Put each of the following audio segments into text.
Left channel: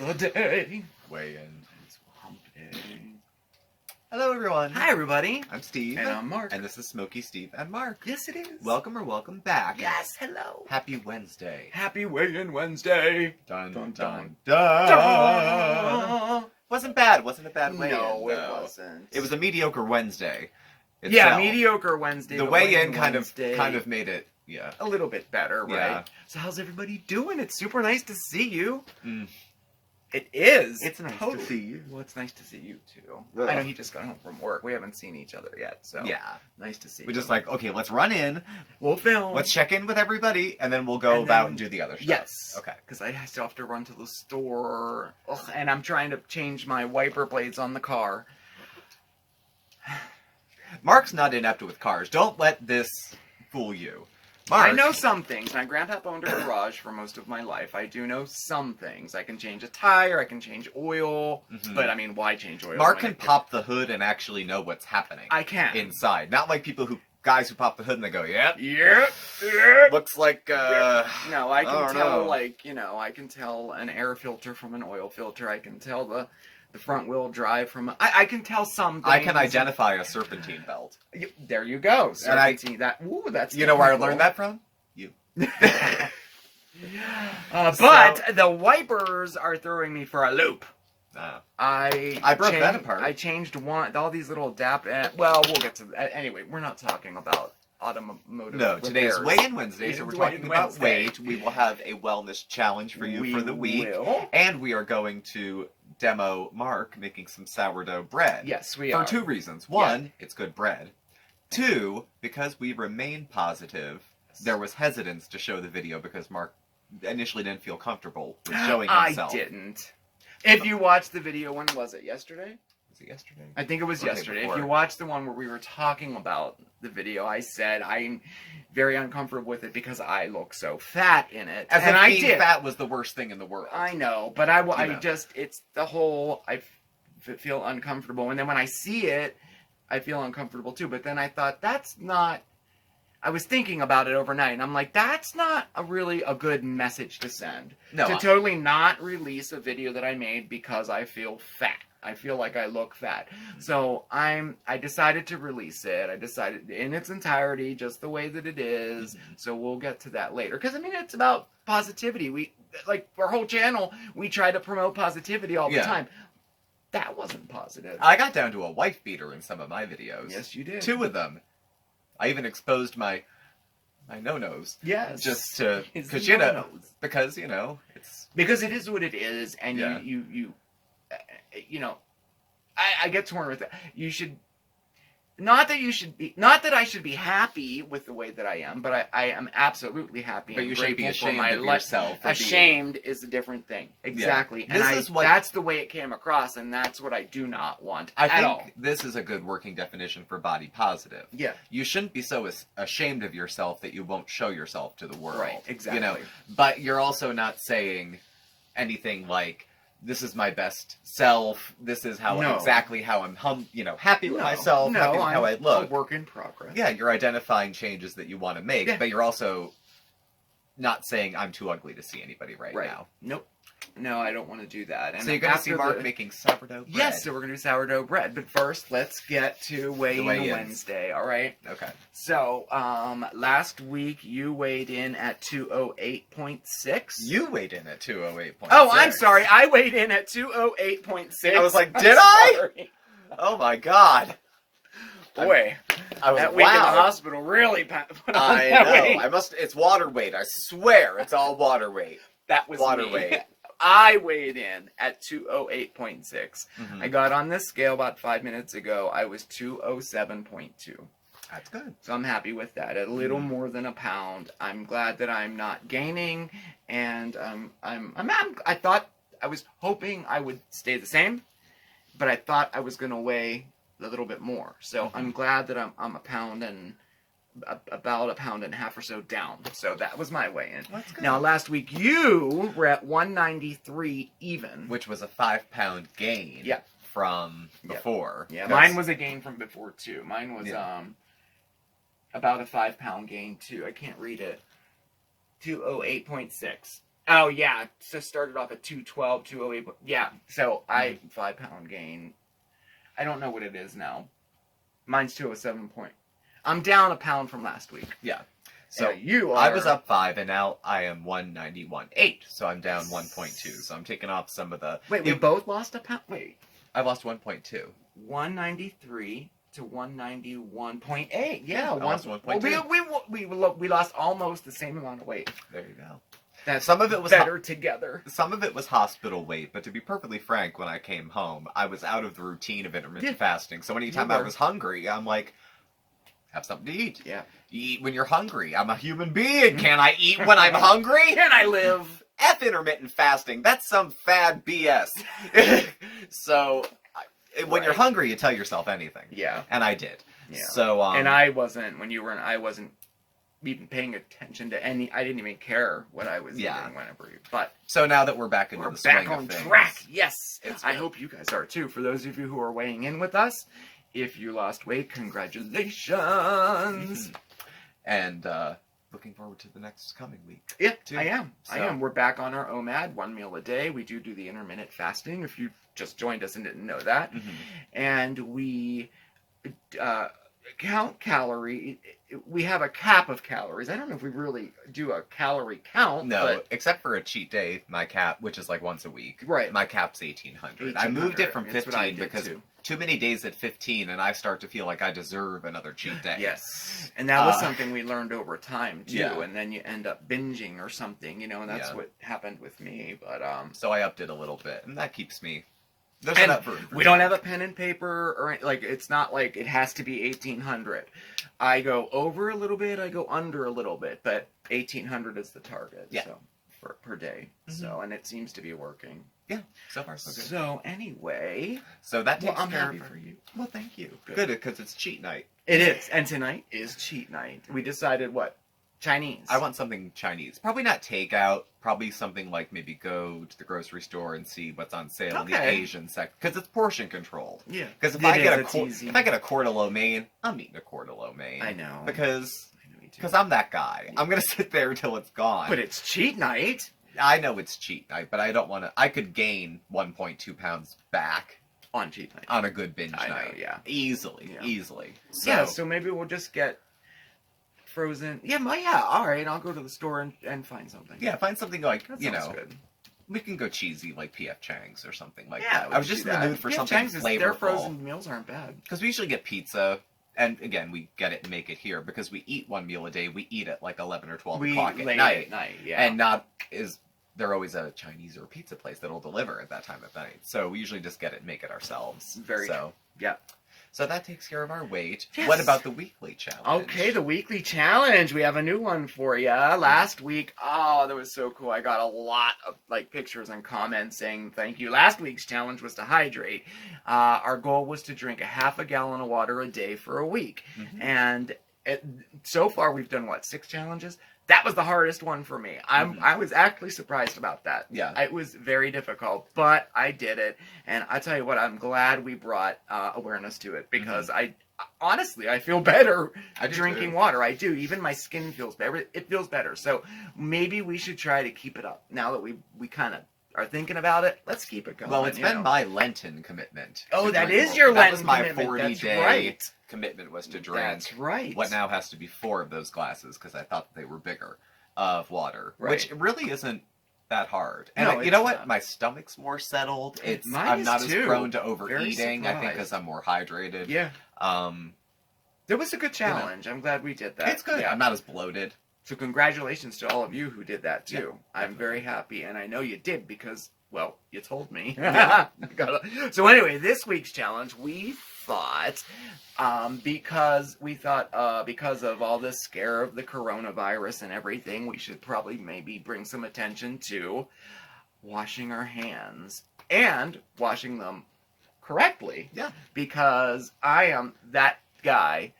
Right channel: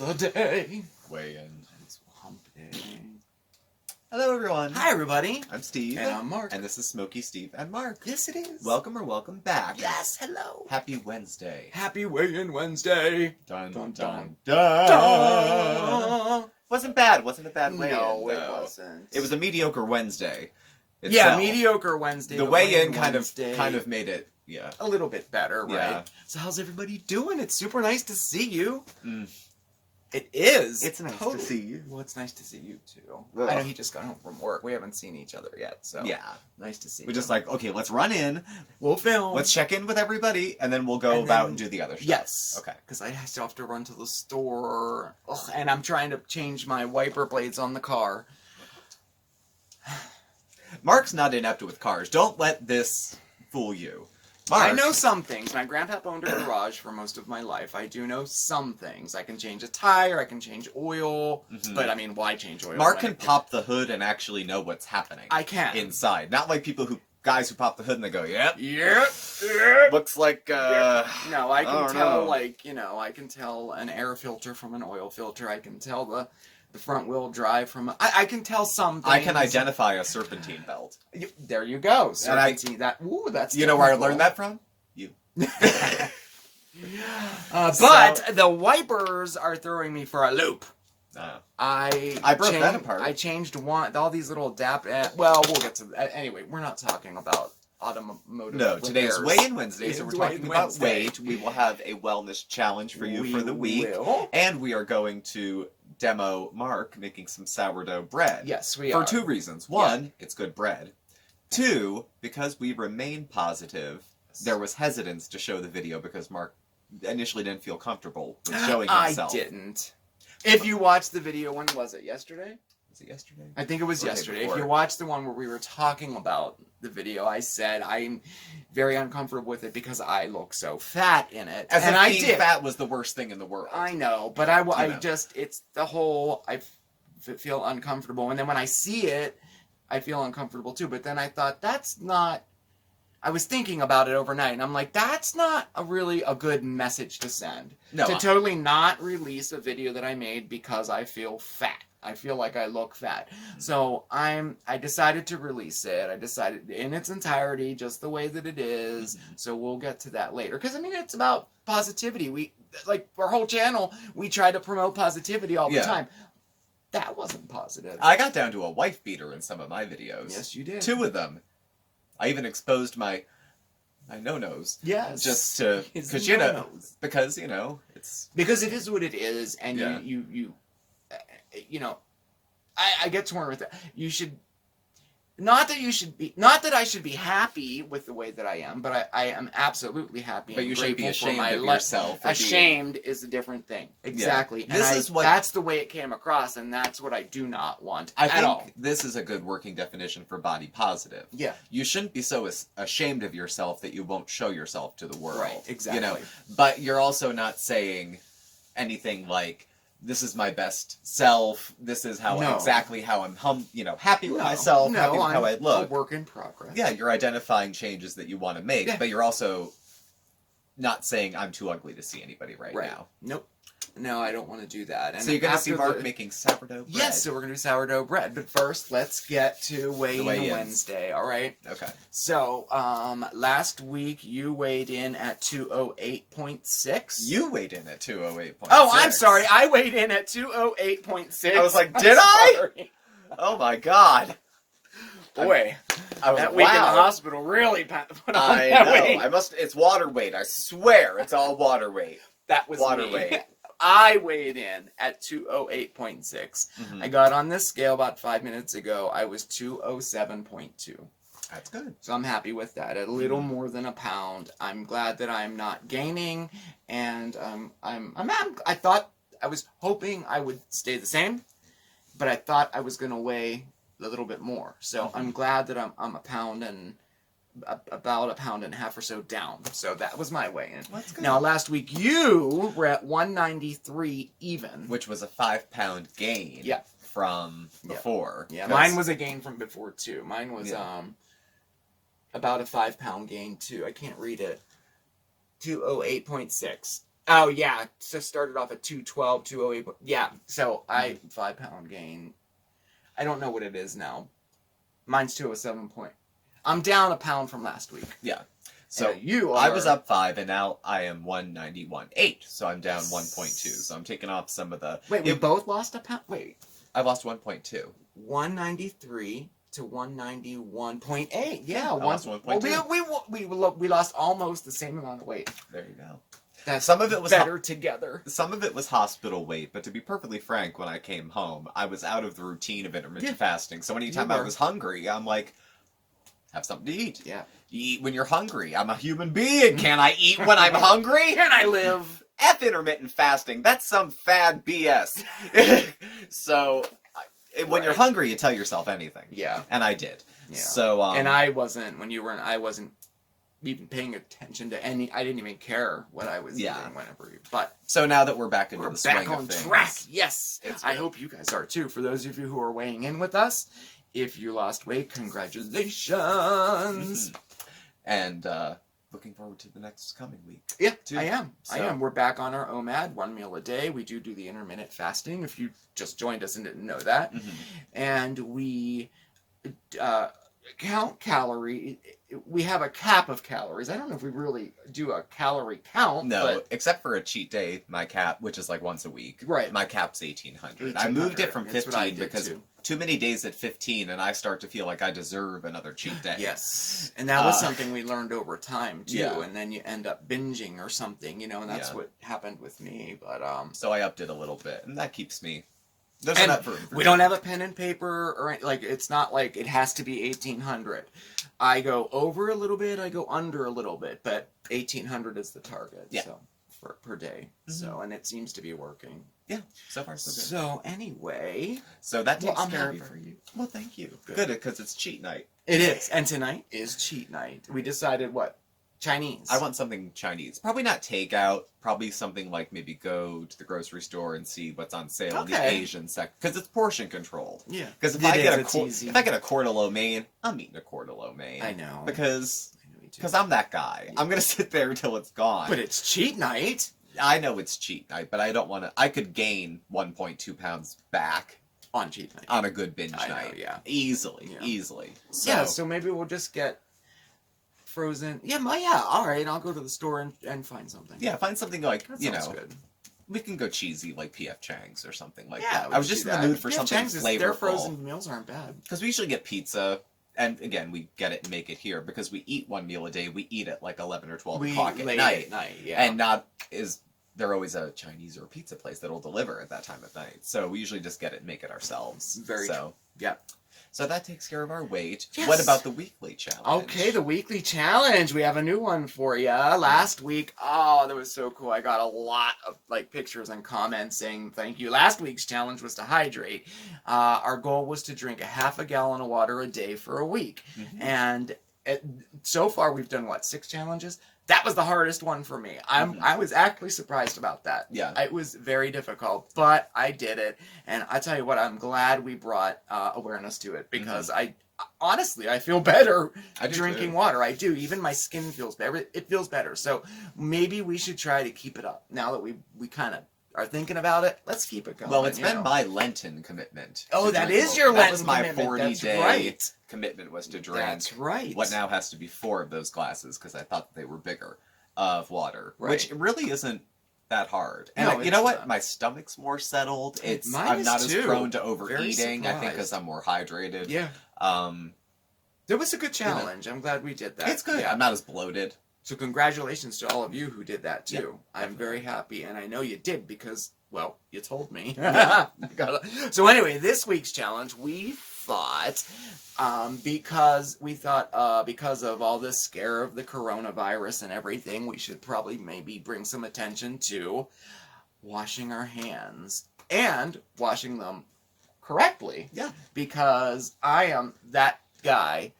the day. Weigh-in. It's hump day. Hello, everyone. Hi, everybody. I'm Steve. And I'm Mark. And this is Smokey, Steve, and Marc. Yes, it is. Welcome back. Yes, hello. Happy Wednesday. Happy Weigh-in Wednesday. Dun, Dun, dun, dun, dun. Wasn't bad. Wasn't a bad weigh-in. No, it though. wasn't. It was a mediocre Wednesday. Yeah, itself. mediocre Wednesday. The but weigh-in kind Wednesday, of made it, yeah. a little bit better, right? Yeah. So how's everybody doing? It's super nice to see you. Mm. It is. It's nice totally. to see you. Well, it's nice to see you too. Ugh. I know he just got home from work. We haven't seen each other yet, so Yeah. nice to see We you. just like, okay, let's run in. We'll film. Let's check in with everybody, and then we'll go And about then- and do the other stuff. Yes. Okay. Because I still have to run to the store. Ugh, and I'm trying to change my wiper blades on the car. Mark's not inept with cars. Don't let this fool you. Mark. I know some things. My grandpa owned a garage for most of my life. I do know some things. I can change a tire. I can change oil. Mhm. But I mean, why change oil? Mark when can pop the hood and actually know what's happening. I can. Inside. Not like guys who pop the hood and they go, yep. Yep. Looks like, No, I can oh, tell, no. like, I can tell an air filter from an oil filter. I can tell the front wheel drive from I can tell some things. I can identify a serpentine belt. There you go. So And I can see that. Ooh, that's You know where I technical. learned that from? You. But the wipers are throwing me for a loop. I broke that apart. I changed all these little well, we'll get to that. Anyway, we're not talking about automotive No, today's repairs. Weigh-in Wednesday, so we're Weigh-in talking about Wednesday. weight. We will have a wellness challenge for you for the week. Will. And we are going to demo Mark making some sourdough bread. Yes, we For are. 2 reasons. One, it's good bread. 2, because we remain positive, there was hesitance to show the video because Mark initially didn't feel comfortable with showing himself. I didn't. If you watched the video, when was it? Yesterday? Was it yesterday? I think it was Or the day yesterday. If before. you watched the one where we were talking about the video, I said I'm very uncomfortable with it because I look so fat in it. As and if I being did. fat was the worst thing in the world. I know, but You know. it's the whole, feel uncomfortable. And then when I see it, I feel uncomfortable too. But then I thought, I was thinking about it overnight, and I'm like, that's not really a good message to send. No, to totally not release a video that I made because I feel fat. I feel like I look fat. So I decided to release it. I decided in its entirety, just the way that it is. So we'll get to that later. Because, I mean, it's about positivity. We, like, our whole channel, we try to promote positivity all the time. That wasn't positive. I got down to a wife beater in some of my videos. Yes, you did. 2 of them. I even exposed my no-nos. Yes. Just to, His because no-nos. it's... Because it is what it is, and Yeah. I get torn with it. You should, not that I should be happy with the way that I am, but I am absolutely happy. But and you shouldn't be grateful for ashamed my of yourself. for Ashamed is a different thing. Exactly. This And is what- that's the way it came across, and that's what I do not want I at all. think this is a good working definition for body positive. Yeah. You shouldn't be so ashamed of yourself that you won't show yourself to the world. Right, exactly. But you're also not saying anything like, this is my best self, this is exactly how I'm happy with myself, happy with how I look. A work in progress. Yeah, you're identifying changes that you want to make, but you're also not saying I'm too ugly to see anybody right now. Nope. No, I don't want to do that. And So you're going to see after Mark making sourdough bread? Yes, so we're going to do sourdough bread. But first, let's get to Weigh-in Wednesday, all right? Okay. So, last week you weighed in at 208.6. You weighed in at 208.6. Oh, I'm sorry. I weighed in at 208.6. I was like, did I? Oh my God. Boy, that week in the hospital really put on I that know. weight. It's water weight. I swear it's all water weight. That was water me. weight. I weighed in at 208.6. Mhm. I got on this scale about 5 minutes ago. I was 207.2. That's good. So I'm happy with that. A little more than a pound. I'm glad that I'm not gaining, and I thought, I was hoping I would stay the same, but I thought I was gonna weigh a little bit more. So I'm glad that I'm a pound and about a pound and a half or so down. So that was my weigh-in. That's good. Now last week you were at 193 even, Which was a 5-pound gain. Yeah. From before. Yeah, mine was a gain from before too. Mine was about a 5-pound gain too. I can't read it. 208.6. Oh, yeah. So started off at 212, 208. Yeah. So 5-pound gain. I don't know what it is now. Mine's 207 point. I'm down a pound from last week. Yeah. So you are... I was up 5, and now I am 191.8. So I'm down 1.2. So I'm taking off some of the... Wait, we both lost a pound? Wait. I lost 1.2. 193 to 191.8. Yeah, I lost 1.2. We lost almost the same amount of weight. There you go. That's some of it was better together. Some of it was hospital weight, but to be perfectly frank, when I came home, I was out of the routine of intermittent fasting. So anytime I was hungry, I'm like, have something to eat. Yeah. You eat when you're hungry. I'm a human being. Can I eat when I'm hungry? Can I live? F intermittent fasting. That's some fad BS. So when you're hungry, you tell yourself anything. Yeah. And I did. Yeah. So and I wasn't I wasn't even paying attention to any. I didn't even care what I was eating whenever. But so now that we're back into the swing back on of things, track. Yes, I hope you guys are too. For those of you who are weighing in with us, if you lost weight, congratulations. And looking forward to the next coming week. Yeah, too. I am. We're back on our OMAD, 1 meal a day. We do the intermittent fasting. If you just joined us and didn't know that, and we count calorie. We have a cap of calories. I don't know if we really do a calorie count. No, except for a cheat day, my cap, which is like once a week. Right. My cap's 1,800. I moved it from 15 because too many days at 15, and I start to feel like I deserve another cheat day. Yes. And that was something we learned over time, too. Yeah. And then you end up binging or something, and that's what happened with me. But so I upped it a little bit, and that keeps me... we don't have a pen and paper, or like it's not like it has to be 1,800. I go over a little bit, I go under a little bit, but 1,800 is the target. Yeah. So per day. So and it seems to be working. Yeah, so far so good. So anyway, so that takes I'm care happy of for you. Well, thank you. Good, because it's cheat night. It is, and tonight is cheat night. We decided what? Chinese. I want something Chinese. Probably not takeout. Probably something like maybe go to the grocery store and see what's on sale in the Asian section. Because it's portion control. Yeah. Because if I get a quart of lo mein, I'm eating a quart of lo mein. I know. Because I'm that guy. Yeah. I'm going to sit there until it's gone. But it's cheat night. I know it's cheat night, but I don't want to... I could gain 1.2 pounds back. On cheat night. On a good binge night. Know, yeah. Easily. So maybe we'll just get... frozen. All right. I'll go to the store and find something. Yeah, find something like, that good. We can go cheesy like P.F. Chang's or something like that. I was just in the mood for something flavorful. Their frozen meals aren't bad. Because we usually get pizza, and again, we get it and make it here because we eat 1 meal a day. We eat at like 11 or 12 o'clock at night. And there always a Chinese or a pizza place that'll deliver at that time of night. So we usually just get it and make it ourselves. Very true. Yeah. So that takes care of our weight. Yes. What about the weekly challenge? Okay, the weekly challenge. We have a new one for you. Last week, that was so cool. I got a lot of pictures and comments saying thank you. Last week's challenge was to hydrate. Our goal was to drink a half a gallon of water a day for a week. And so far we've done 6 challenges? That was the hardest one for me. I was actually surprised about that. Yeah. It was very difficult, but I did it. And I tell you what, I'm glad we brought awareness to it because honestly, I feel better drinking water. I do. Even my skin feels better. It feels better. So maybe we should try to keep it up. Now that we kind of are thinking about it, let's keep it going. Well, it's been my Lenten commitment. Oh, that is your Lenten commitment. That was my 40-day commitment was to drink. That's right. What now has to be 4 of those glasses because I thought they were bigger of water, which really isn't that hard. And you know what? My stomach's more settled. I'm not as prone to overeating. I think because I'm more hydrated. Yeah. There was a good challenge. I'm glad we did that. It's good. Yeah. I'm not as bloated. So congratulations to all of you who did that too. Yeah, I'm very happy, and I know you did because, well, you told me. So anyway, this week's challenge, we thought, because of all this scare of the coronavirus and everything, we should probably maybe bring some attention to washing our hands and washing them correctly. Yeah. Because I am that guy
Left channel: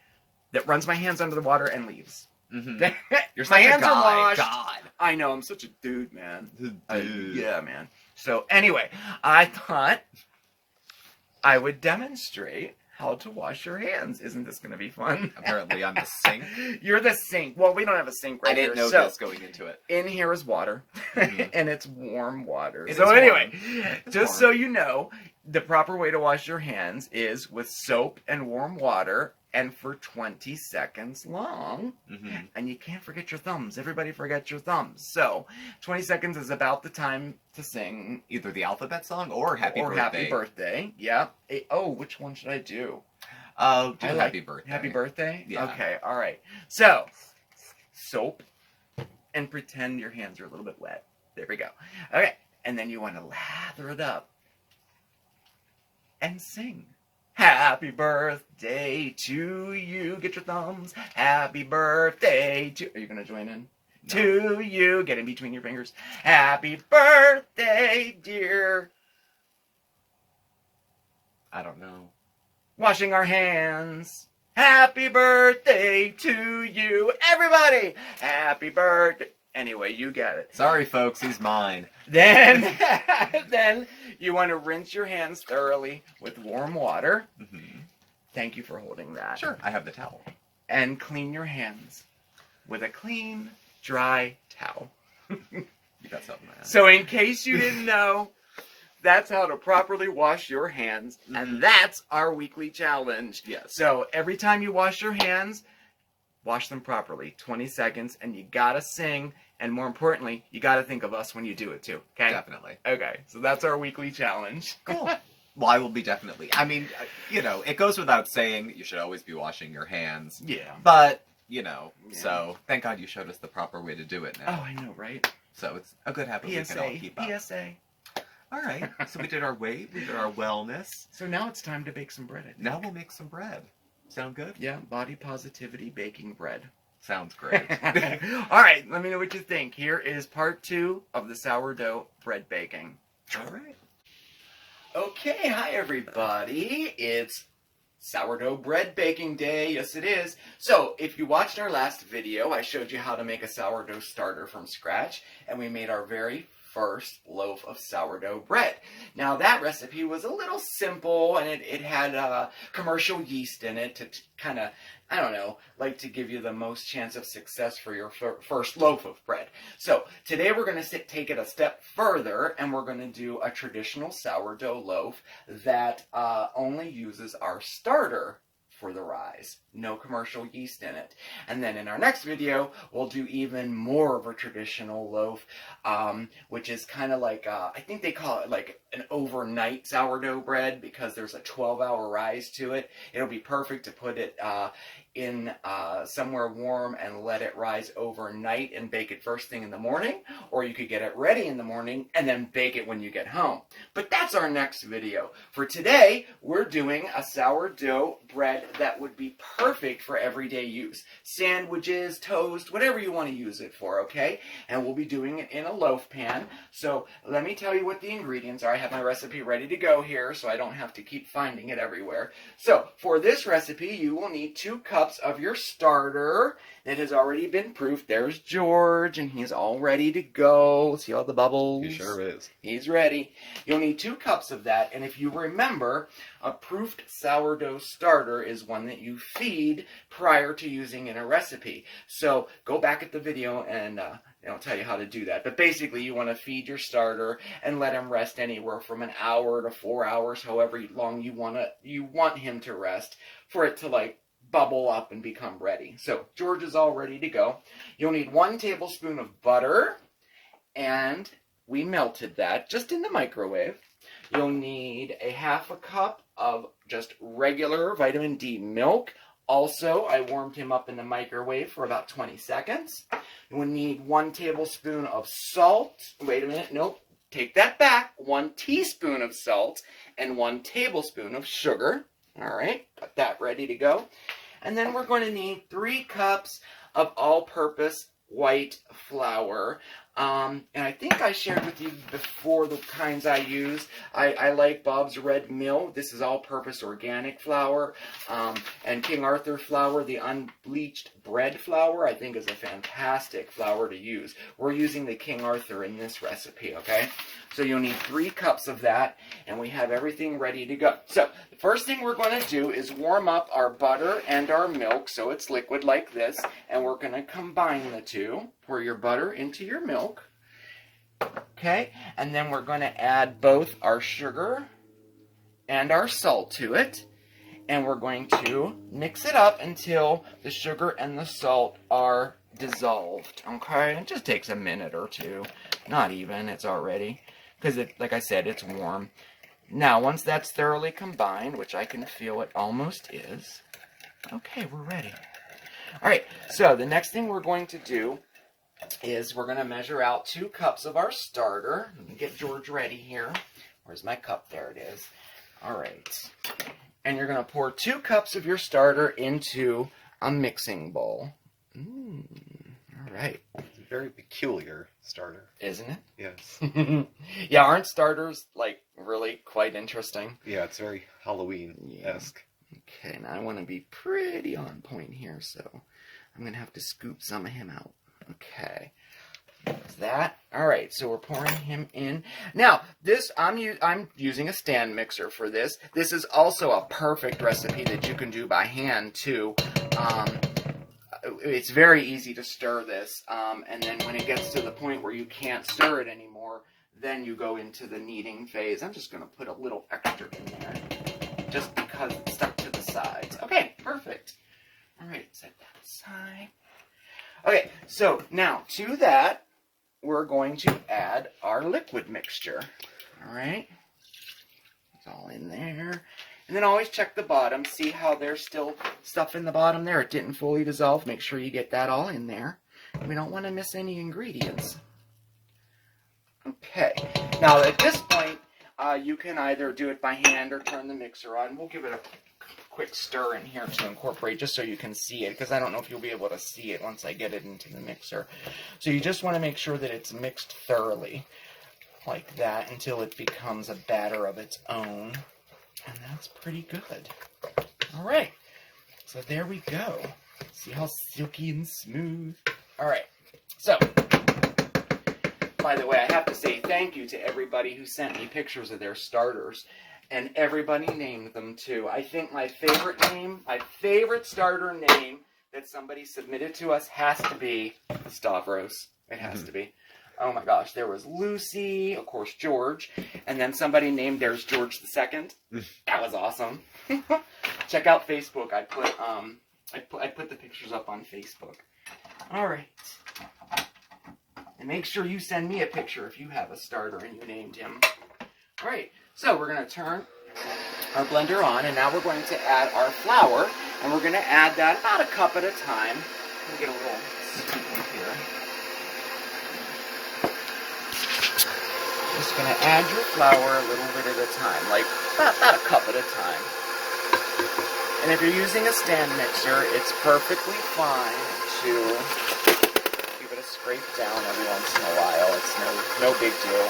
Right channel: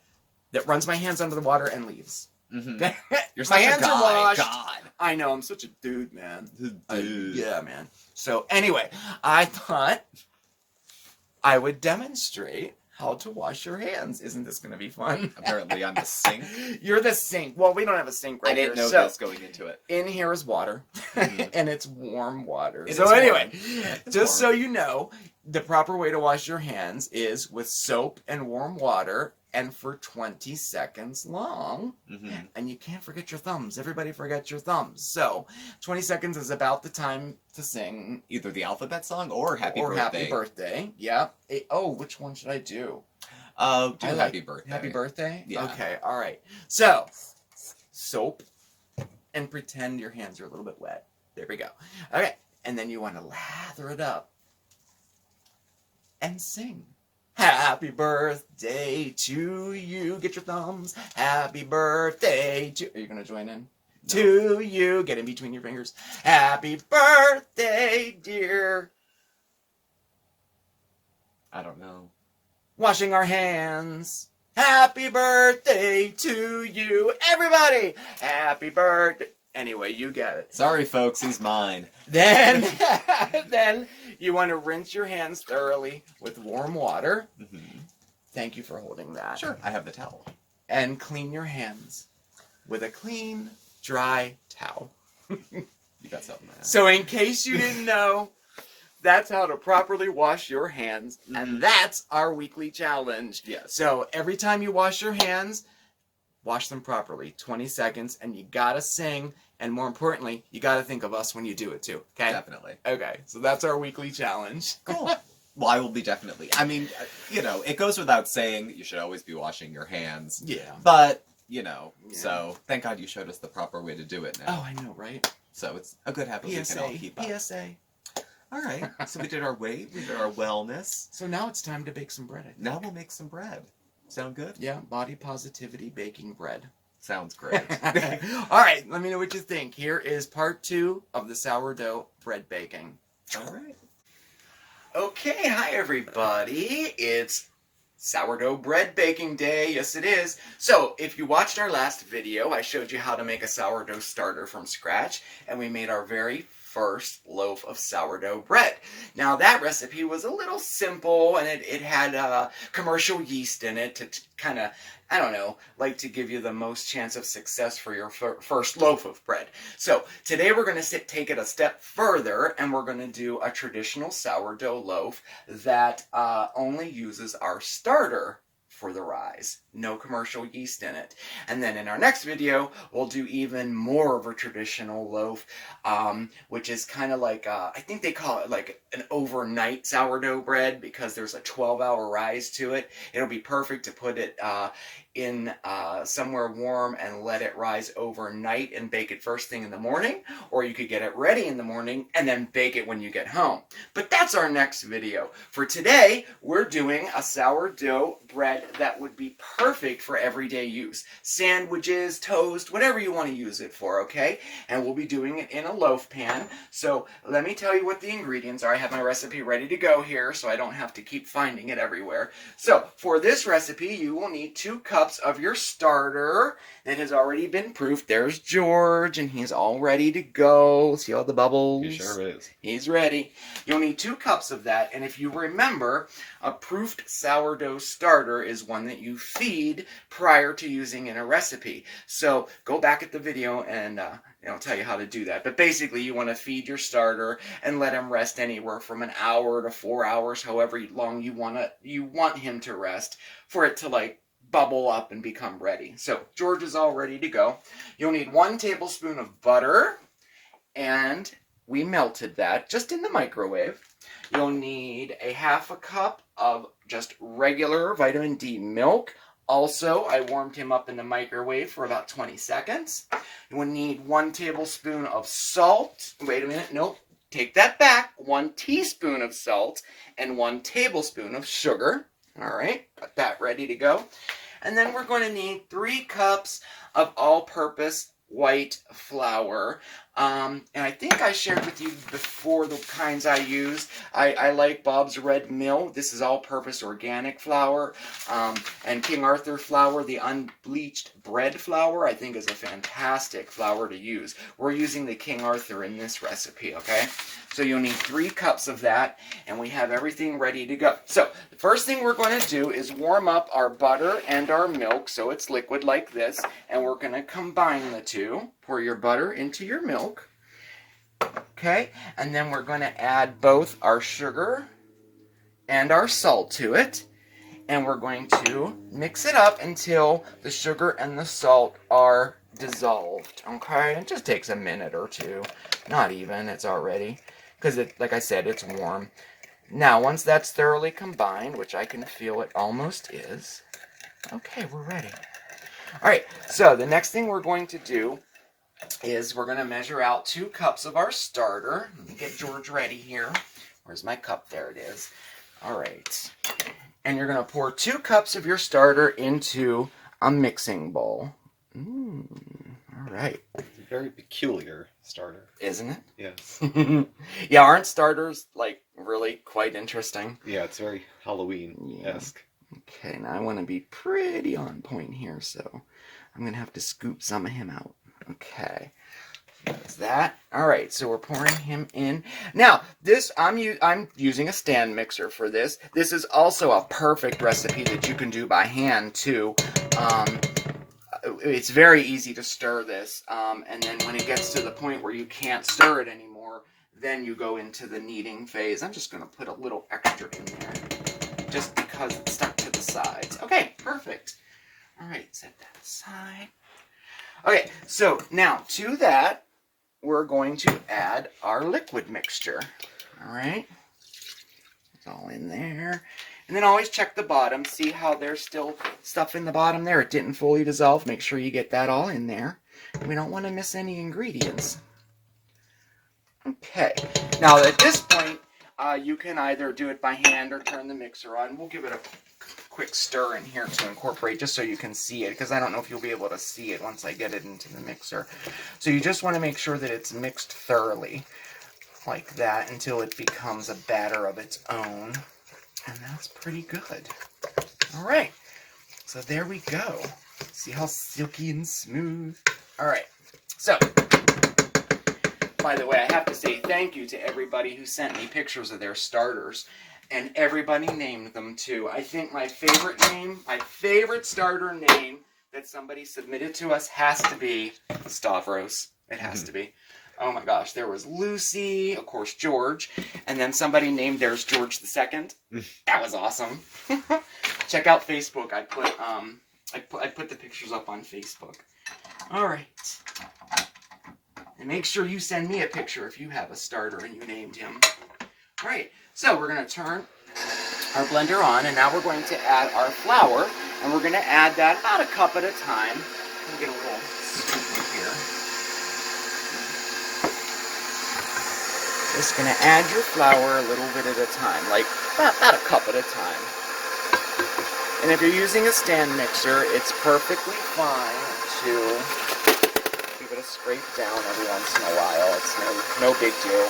that runs my hands under the water and leaves. You're such a guy. God. I know, I'm such a dude, man. Yeah, man. So anyway, I thought I would demonstrate how to wash your hands. Isn't this going to be fun? Apparently I'm the sink. You're the sink. Well, we don't have a sink right here. I didn't know this going into it. In here is water, and it's warm water. It so is anyway, warm. just so you know, the proper way to wash your hands is with soap and warm water, and for 20 seconds long. And you can't forget your thumbs. Everybody forgets your thumbs. So 20 seconds is about the time to sing either the alphabet song or Happy Birthday. Happy Birthday. Yeah. Oh, which one should I do? Do Happy Birthday. Happy Birthday? Yeah. Okay, all right. So, soap, and pretend your hands are a little bit wet. There we go. Okay, and then you want to lather it up and sing. Happy birthday to you. Get your thumbs. Happy birthday to... Are you going to join in? No. To you. Get in between your fingers. Happy birthday, dear. I don't know. Washing our hands. Happy birthday to you. Everybody. Happy birthday. Anyway, you get it. Sorry, folks. He's mine. Then you want to rinse your hands thoroughly with warm water. Thank you for holding that. Sure, I have the towel. And clean your hands with a clean, dry towel. You got something, man. So in case you didn't know, that's how to properly wash your hands. And that's our weekly challenge. Yes. So every time you wash your hands, wash them properly. 20 seconds, and you gotta sing. And more importantly, you gotta think of us when you do it too. Okay? Definitely. Okay, so that's our weekly challenge. Cool. Well, I will be definitely. I mean, you know, it goes without saying that you should always be washing your hands. Yeah. But, you know, so thank God you showed us the proper way to do it now. Oh, I know, right? So it's a good habit we can all keep up. PSA. All right. So we did our weight, we did our wellness. So now it's time to bake some bread, I think. Now we'll make some bread. Sound good? Yeah, body positivity baking bread. Sounds great. All right, let me know what you think. Here is part 2 of the sourdough bread baking. All right. Okay, hi everybody. It's sourdough bread baking day. Yes, it is. So, if you watched our last video, I showed you how to make a sourdough starter from scratch, and we made our very first loaf of sourdough bread. Now, that recipe was a little simple, and it had commercial yeast in it to kind of, I don't know, like to give you the most chance of success for your first loaf of bread. So today we're going to take it a step further, and we're going to do a traditional sourdough loaf that only uses our starter for the rise. No commercial yeast in it. And then in our next video, we'll do even more of a traditional loaf, which is kind of like, I think they call it like an overnight sourdough bread because there's a 12-hour rise to it. It'll be perfect to put it in somewhere warm and let it rise overnight and bake it first thing in the morning, or you could get it ready in the morning and then bake it when you get home. But that's our next video. For today, we're doing a sourdough bread that would be perfect for everyday use. Sandwiches, toast, whatever you want to use it for, okay? And we'll be doing it in a loaf pan. So let me tell you what the ingredients are. I have my recipe ready to go here so I don't have to keep finding it everywhere. So for this recipe, you will need 2 cups of your starter that has already been proofed. There's George, and he's all ready to go. See all the bubbles? He sure is. He's ready. You'll need 2 cups of that, and if you remember, a proofed sourdough starter is one that you feed prior to using in a recipe. So go back at the video and I'll tell you how to do that. But basically, you want to feed your starter and let him rest anywhere from an hour to 4 hours, however long you want him to rest, for it to like bubble up and become ready. So George is all ready to go. You'll need 1 tablespoon of butter, and we melted that just in the microwave. You'll need a 1/2 cup of just regular vitamin D milk. Also, I warmed him up in the microwave for about 20 seconds. You will need 1 tablespoon of salt. Wait a minute, nope. Take that back. 1 teaspoon of salt and 1 tablespoon of sugar. All right, got that ready to go. And then we're going to need 3 cups of all-purpose white flour. And I think I shared with you before the kinds I use. I like Bob's Red Mill. This is all-purpose organic flour. And King Arthur flour, the unbleached bread flour, I think is a fantastic flour to use. We're using the King Arthur in this recipe, okay? So you'll need 3 cups of that, and we have everything ready to go. So the first thing we're going to do is warm up our butter and our milk so it's liquid like this, and we're going to combine the two. Pour your butter into your milk, okay? And then we're going to add both our sugar and our salt to it, and we're going to mix it up until the sugar and the salt are dissolved, okay? It just takes a minute or two. Not even, it's already, because like I said, it's warm. Now, once that's thoroughly combined, which I can feel it almost is, okay, we're ready. All right, so the next thing we're going to do is we're going to measure out 2 cups of our starter. Let me get George ready here. Where's my cup? There it is. All right. And you're going to pour 2 cups of your starter into a mixing bowl. All right. It's a very peculiar starter. Isn't it? Yes. Yeah, aren't starters, like, really quite interesting? Yeah, it's very Halloween-esque. Yeah. Okay, now I want to be pretty on point here, so I'm going to have to scoop some of him out. Okay. That's that. All right, so we're pouring him in. Now, this I'm using a stand mixer for this. This is also a perfect recipe that you can do by hand, too. It's very easy to stir this, and then when it gets to the point where you can't stir it anymore, then you go into the kneading phase. I'm just going to put a little extra in there, just because it's stuck to the sides. Okay, perfect. All right, set that aside. Okay, so now to that, we're going to add our liquid mixture. All right, it's all in there. And then always check the bottom, see how there's still stuff in the bottom there. It didn't fully dissolve. Make sure you get that all in there. We don't want to miss any ingredients. Okay, now at this point, you can either do it by hand or turn the mixer on. We'll give it a quick stir in here to incorporate, just so you can see it, because I don't know if you'll be able to see it once I get it into the mixer. So you just want to make sure that it's mixed thoroughly, like that, until it becomes a batter of its own. And that's pretty good. All right, so there we go. See how silky and smooth? All right, so, by the way, I have to say thank you to everybody who sent me pictures of their starters. And everybody named them, too. I think my favorite starter name that somebody submitted to us has to be Stavros. It has to be. Oh my gosh, there was Lucy, of course George, and then somebody named theirs George II. That was awesome. Check out Facebook. I put the pictures up on Facebook. All right. And make sure you send me a picture if you have a starter and you named him. All right. So we're going to turn our blender on, and now we're going to add our flour, and we're going to add that about a cup at a time. Let me get a little scoop in here. Just going to add your flour a little bit at a time, like about a cup at a time. And if you're using a stand mixer, it's perfectly fine to give it a scrape down every once in a while. It's no big deal.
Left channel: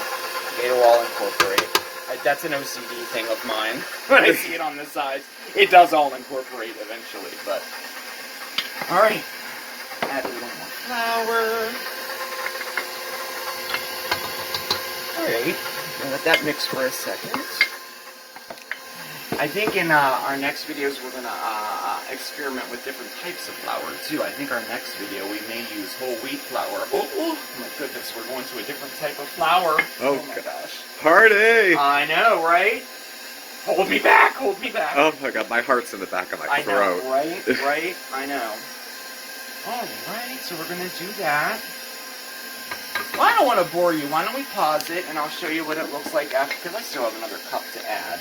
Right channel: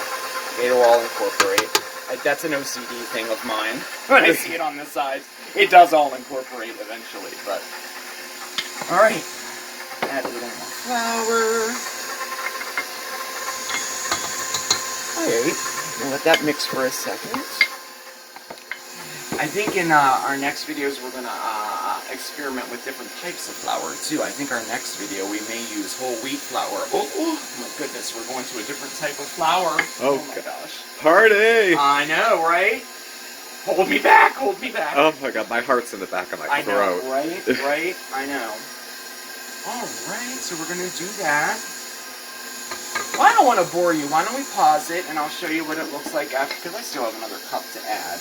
It'll all incorporate. That's an OCD thing of mine. When I see it on the sides, it does all incorporate eventually, but... Alright. Add a little more flour. Alright. We'll let that mix for a second. I think in our next videos we're going to experiment with different types of flour, too. I think our next video we may use whole wheat flour. Oh my goodness, we're going to a different type of flour. Oh my gosh. Party! I know, right? Hold me back, hold me back. Oh my god, my heart's in the back of my throat. I know, right? Right? I know. Alright, so we're going to do that. Well, I don't want to bore you. Why don't we pause it and I'll show you what it looks like after, because I still have another cup to add.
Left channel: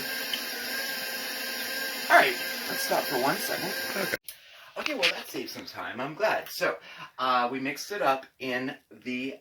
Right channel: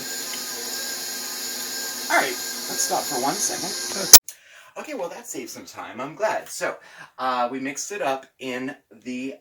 Alright, let's stop for 1 second. Okay, well that saves some time. I'm glad. So, we mixed it up in the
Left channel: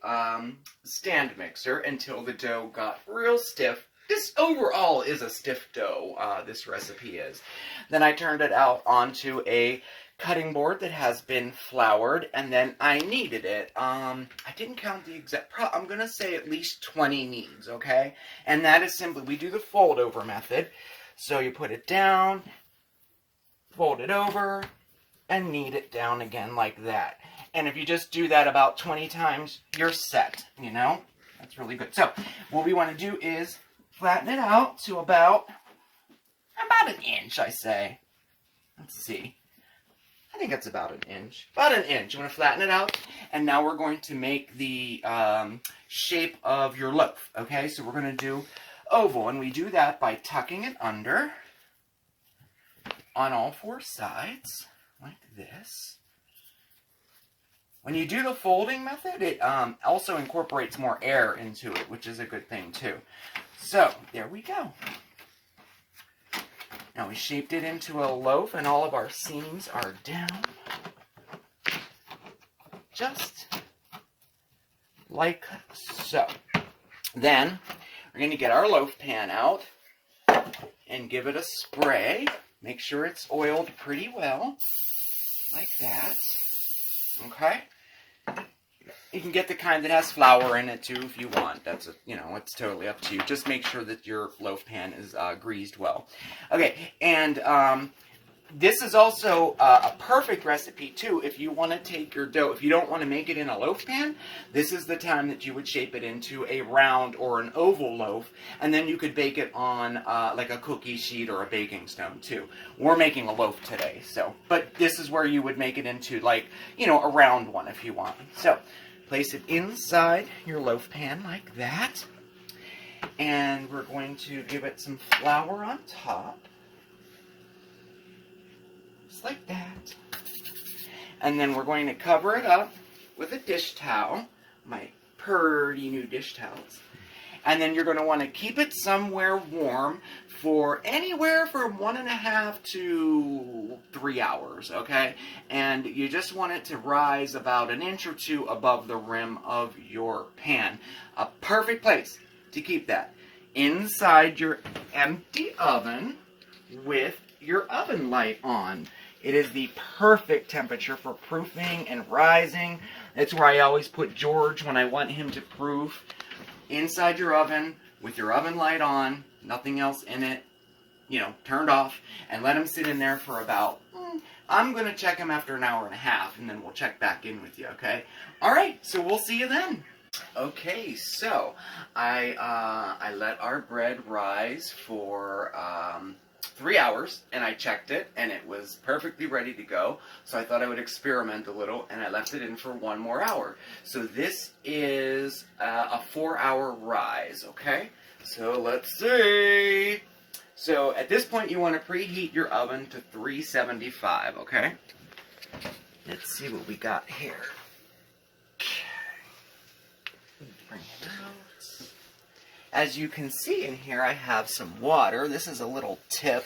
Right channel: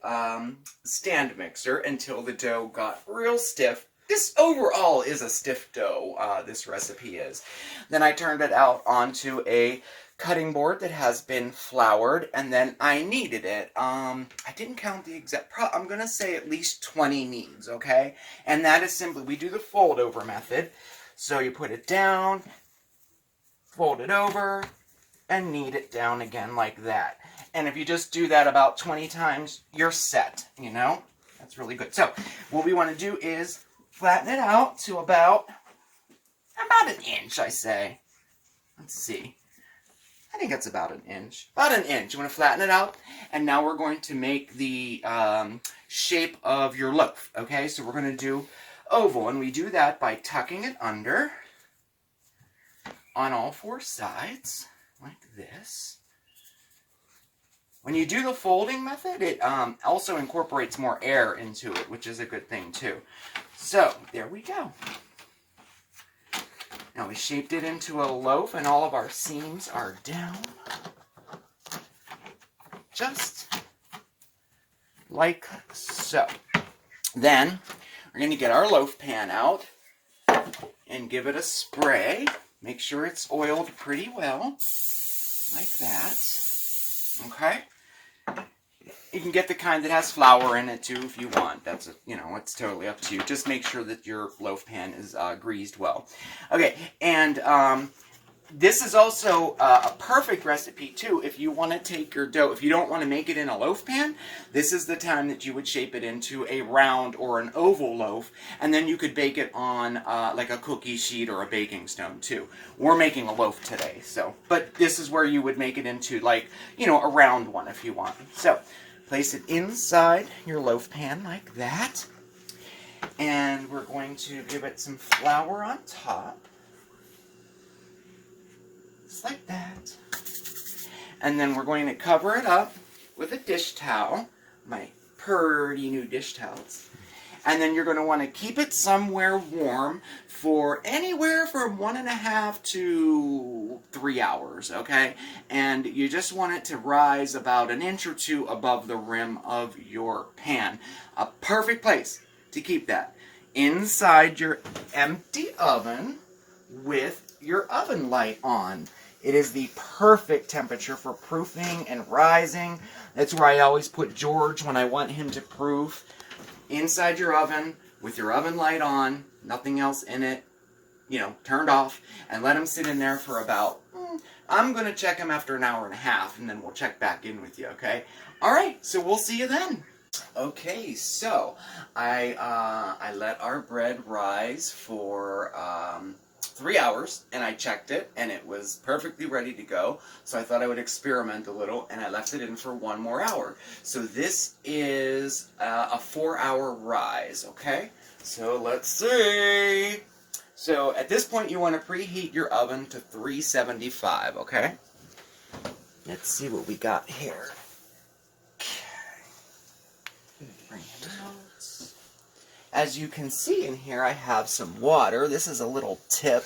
stand mixer until the dough got real stiff. This overall is a stiff dough, this recipe is. Then I turned it out onto a cutting board that has been floured, and then I kneaded it. I didn't count the exact, I'm going to say at least 20 kneads, okay? And that is simply, we do the fold over method. So you put it down, fold it over, and knead it down again like that. And if you just do that about 20 times, you're set, you know? That's really good. So what we want to do is flatten it out to about an inch, I say. Let's see. I think it's about an inch. About an inch. You want to flatten it out. And now we're going to make the shape of your loaf. Okay, so we're going to do oval. And we do that by tucking it under on all four sides, like this. When you do the folding method, it also incorporates more air into it, which is a good thing too. So, there we go. Now we shaped it into a loaf and all of our seams are down. Just like so. Then we're going to get our loaf pan out and give it a spray. Make sure it's oiled pretty well, like that. Okay? You can get the kind that has flour in it too if you want. That's, it's totally up to you. Just make sure that your loaf pan is greased well. Okay, and this is also a perfect recipe too if you want to take your dough. If you don't want to make it in a loaf pan, this is the time that you would shape it into a round or an oval loaf, and then you could bake it on like a cookie sheet or a baking stone too. We're making a loaf today, but this is where you would make it into like, a round one if you want. So, place it inside your loaf pan like that, and we're going to give it some flour on top. Like that. And then we're going to cover it up with a dish towel, my pretty new dish towels. And then you're going to want to keep it somewhere warm for anywhere from 1.5 to 3 hours, okay? And you just want it to rise about an inch or two above the rim of your pan. A perfect place to keep that. Inside your empty oven with your oven light on. It is the perfect temperature for proofing and rising. That's where I always put George when I want him to proof. Inside your oven with your oven light on, nothing else in it, turned off, and let him sit in there for about, I'm going to check him after 1.5 hours, and then we'll check back in with you, okay? All right, so we'll see you then. Okay, so I let our bread rise for 3 hours, and I checked it, and it was perfectly ready to go. So I thought I would experiment a little, and I left it in for 1 more hour. So this is a 4-hour rise, okay? So let's see. So at this point, you want to preheat your oven to 375, okay? Let's see what we got here. Okay. Bring it out. As you can see in here, I have some water. This is a little tip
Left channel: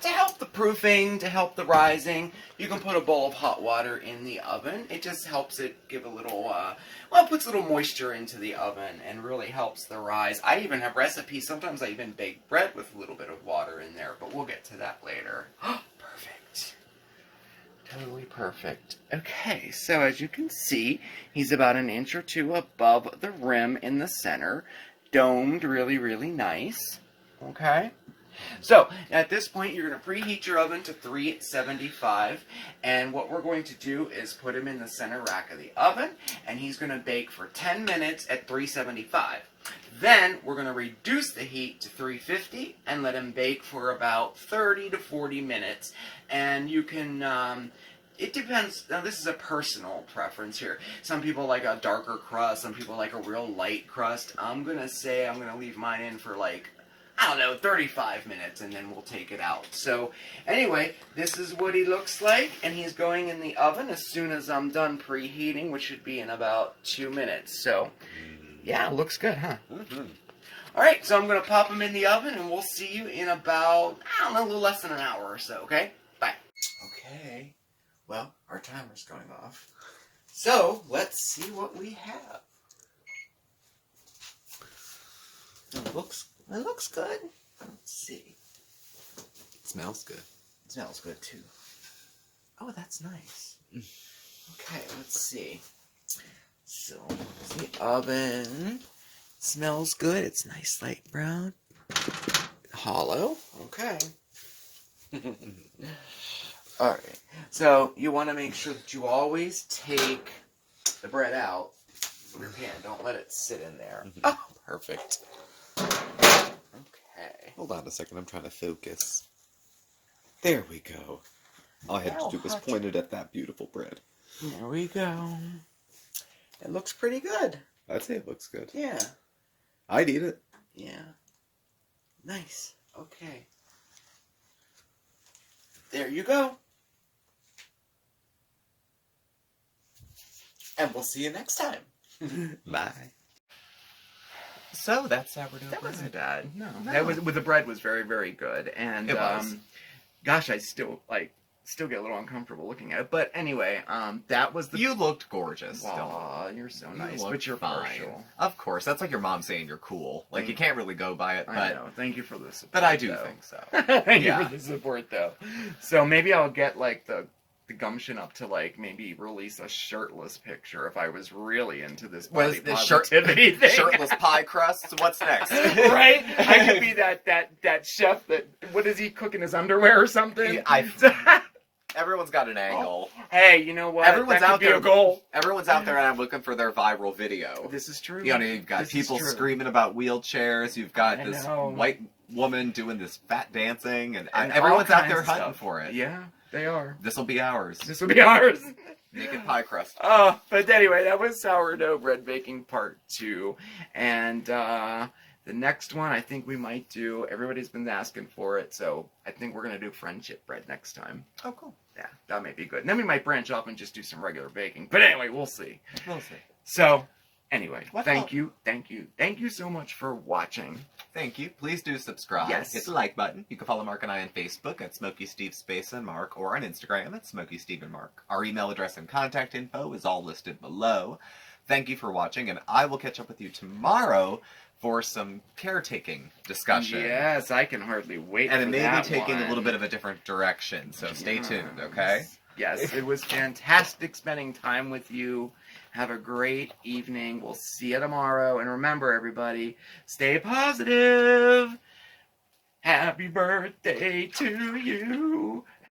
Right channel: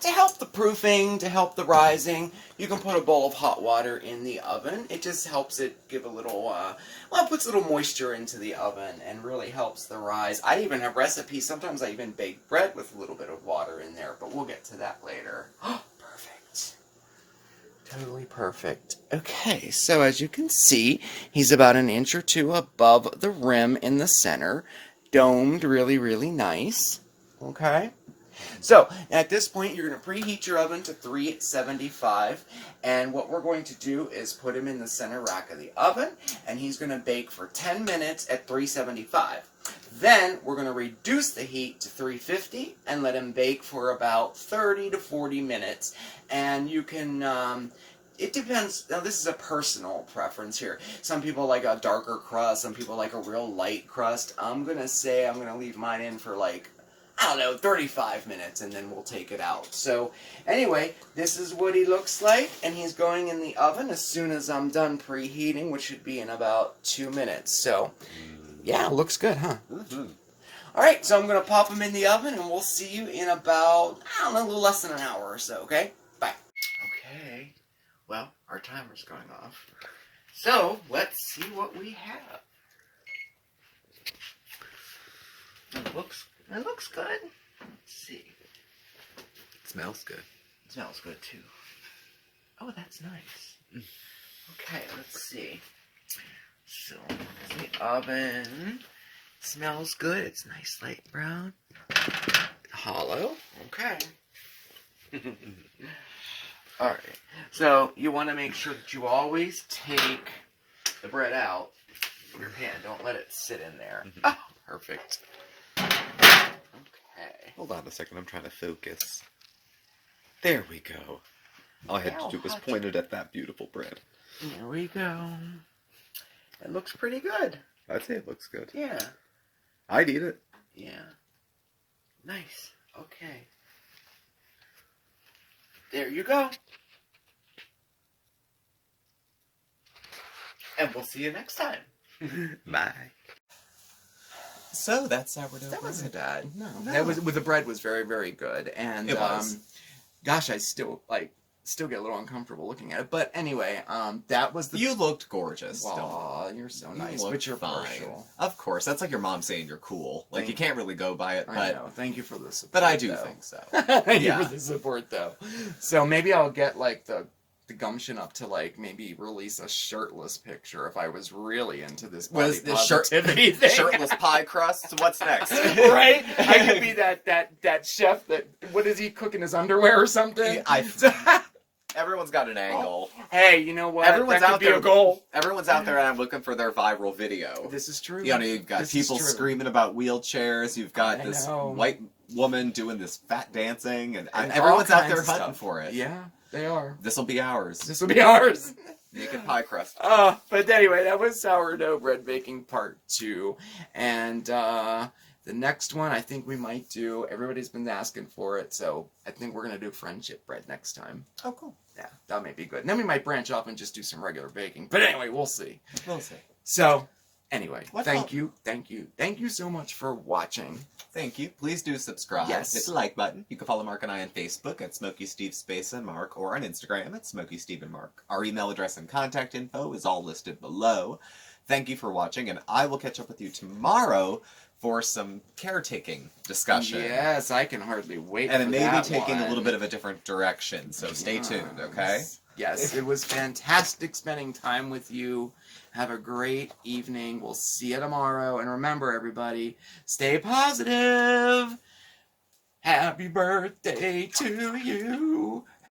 to help the proofing, to help the rising. You can put a bowl of hot water in the oven. It just helps it give a little, it puts a little moisture into the oven and really helps the rise. I even have recipes. Sometimes I even bake bread with a little bit of water in there, but we'll get to that later. Perfect. Totally perfect. Okay, so as you can see, he's about an inch or two above the rim in the center. Domed really, really nice. Okay? So, at this point, you're going to preheat your oven to 375, and what we're going to do is put him in the center rack of the oven, and he's going to bake for 10 minutes at 375. Then, we're going to reduce the heat to 350 and let him bake for about 30 to 40 minutes, and you can... it depends. Now, this is a personal preference here. Some people like a darker crust. Some people like a real light crust. I'm going to leave mine in for 35 minutes, and then we'll take it out. So, anyway, this is what he looks like, and he's going in the oven as soon as I'm done preheating, which should be in about 2 minutes. So, yeah, looks good, huh? Mm-hmm. All right, so I'm going to pop him in the oven, and we'll see you in about, a little less than an hour or so, okay? Bye. Okay. Well, our timer's going off. So, let's see what we have. It looks good. Let's see. It smells good. Smells good too. Oh, that's nice. Okay, let's see. So, the oven smells good. It's nice light brown. Hollow. Okay. Alright. So, you want to make sure that you always take the bread out of your pan. Don't let it sit in there. Oh, perfect. Okay. Hold on a second, I'm trying to focus. There we go. All I had to do was point it at that beautiful bread. There we go. It looks pretty good. I'd say it looks good. Yeah. I'd eat it. Yeah. Nice. Okay. There you go. And we'll see you next time. Bye. So that's sourdough That bread. wasn't bad. No. No. That was with the bread was very, very good. And It was. gosh, I still get a little uncomfortable looking at it. But anyway, that was the You looked gorgeous. still. Aw, you're so You nice. looked But you're fine. partial. Of course, that's like your mom saying you're cool. Like you can't really go by it, I but know. Thank you for the support. but I do though. think so. Thank Yeah. you for the support, though. So maybe I'll get like the gumption up to like maybe release a shirtless picture if I was really into this What body is this positivity thing. Shirtless pie crust? What's next? Right? I could be that chef that what is he cooking his underwear or something? Everyone's got an angle. Hey, you know what? Everyone's that could out be there. a goal. Everyone's out there and looking for their viral video. This is true. You know, you've got This is people true. screaming about wheelchairs. You've got I this know. white woman doing this fat dancing, and And everyone's all out there kinds of hunting stuff. for it. Yeah, they are. This will be ours. This will be ours. Naked pie crust. But anyway, that was sourdough bread baking part 2. And the next one I think we might do, everybody's been asking for it, so I think we're going to do friendship bread next time. Oh, cool. Yeah, that may be good. And then we might branch off and just do some regular baking. But anyway, we'll see. We'll see. So, anyway, What thank else? you. Thank you so much for watching. Thank you. Please do subscribe. Yes. Hit the like button. You can follow Mark and I on Facebook at SmokeySteveAndMarc or on Instagram at SmokeySteveAndMarc. Our email address and contact info is all listed below. Thank you for watching, and I will catch up with you tomorrow for some caretaking discussion. Yes, I can hardly wait And it for may be that taking one. a little bit of a different direction, so stay tuned, okay? Yes, it was fantastic spending time with you. Have a great evening. We'll see you tomorrow. And remember, everybody, stay positive. Happy birthday to you.